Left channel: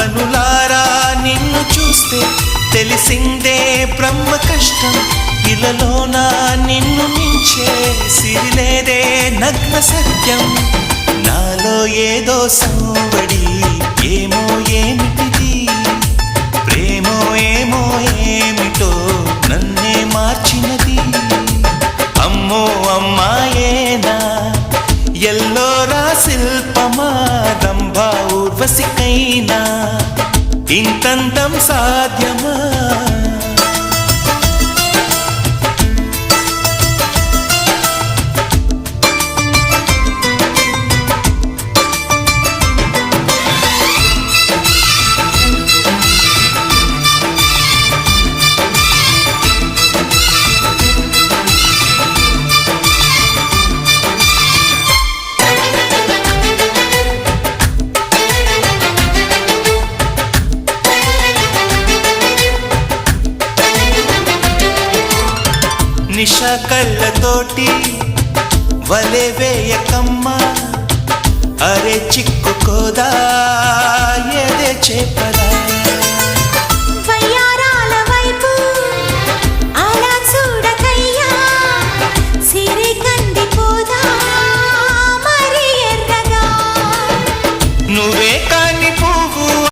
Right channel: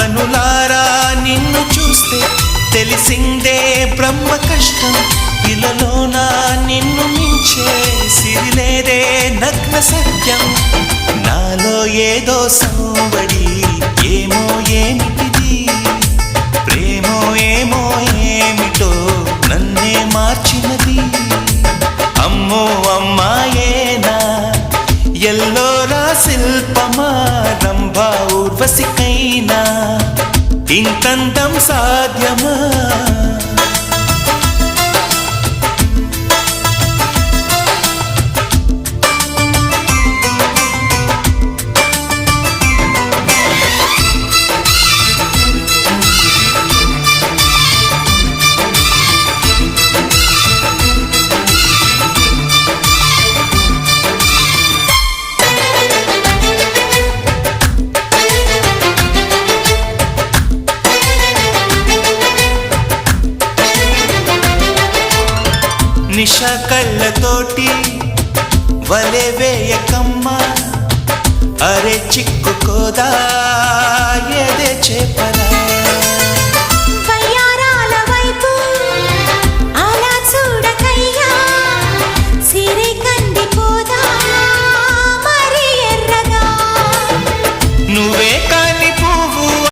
కనులారా నిన్ను చూస్తే తెలిసిందే బ్రహ్మ కష్టం. ఇలలోన నిన్ను మించే సిరిలేదే నగ్న సత్యం. నాలో ఏదో సంవడి, ఏమో ఏమిటిది, ప్రేమో ఏమో ఏమిటో నన్నే మార్చినది. అమ్మో అమ్మాయేనా, ఎల్లోరా శిల్పమా, రంభా ఊర్వశికైనా ఇంతంతం సాధ్యమా? నిష కళ్ళతోటి వలె వేయకమ్మా, అరే చిక్కుకోదా ఏదే చేపలా. వయ్యారాల వైపు అలా చూడకయ్యా, సిరి కందిపోదా మరి ఎర్రగా. నువ్వే కాని పువ్వు